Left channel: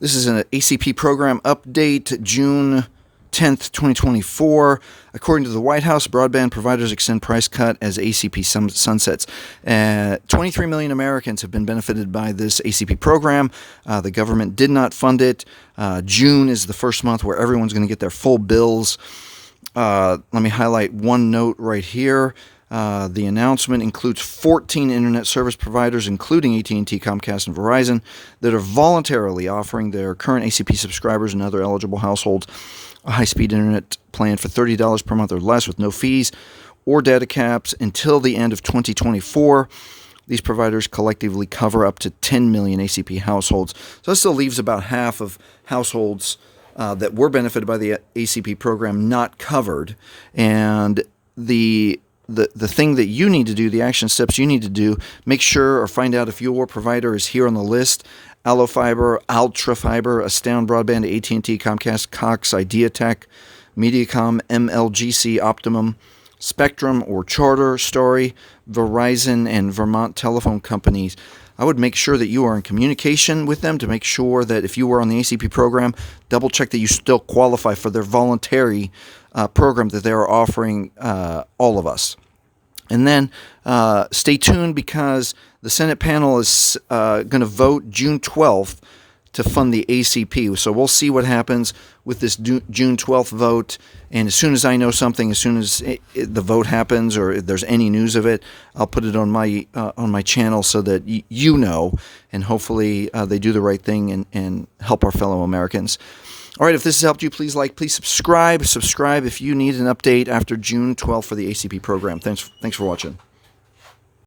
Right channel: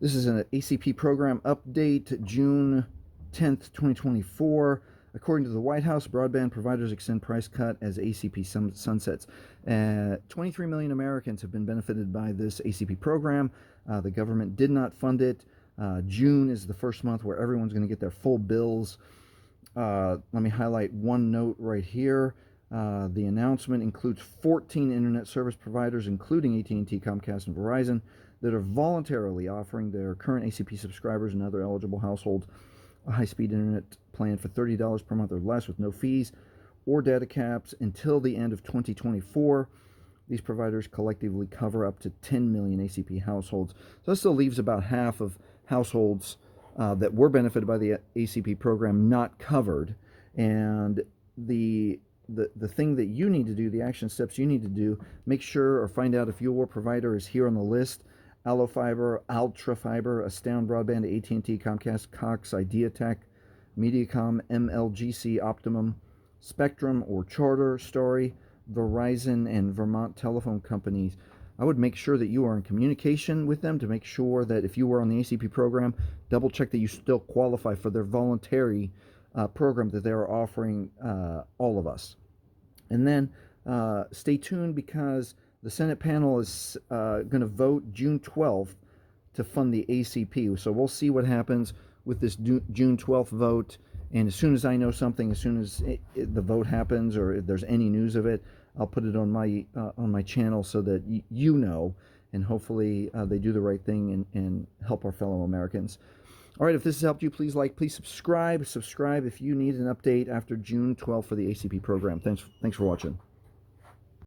This is an ACP program update, June 10th, 2024. According to the White House, broadband providers extend price cut as ACP sunsets. 23 million Americans have been benefited by this ACP program. The government did not fund it. June is the first month where everyone's going to get their full bills. Let me highlight one note right here. The announcement includes 14 internet service providers, including AT&T, Comcast, and Verizon, that are voluntarily offering their current ACP subscribers and other eligible households a high-speed internet plan for $30 per month or less with no fees or data caps until the end of 2024. These providers collectively cover up to 10 million ACP households. So that still leaves about half of households that were benefited by the ACP program not covered. And the thing that you need to do, the action steps you need to do, make sure or find out if your provider is here on the list. Allo Fiber, Altafiber, Astound Broadband, AT&T, Comcast, Cox, IdeaTek, Mediacom, MLGC, Optimum, Spectrum or Charter, Starry, Verizon, and Vermont telephone companies. I would make sure that you are in communication with them to make sure that if you were on the ACP program, double check that you still qualify for their voluntary program that they're offering all of us. And then stay tuned because the Senate panel is going to vote June 12th to fund the ACP. So we'll see what happens with this June 12th vote. And as soon as I know something, as soon as the vote happens or if there's any news of it, I'll put it on my channel so that you know, and hopefully they do the right thing and help our fellow Americans. All right, if this has helped you, please subscribe. Subscribe if you need an update after June 12th for the ACP program. Thanks for watching.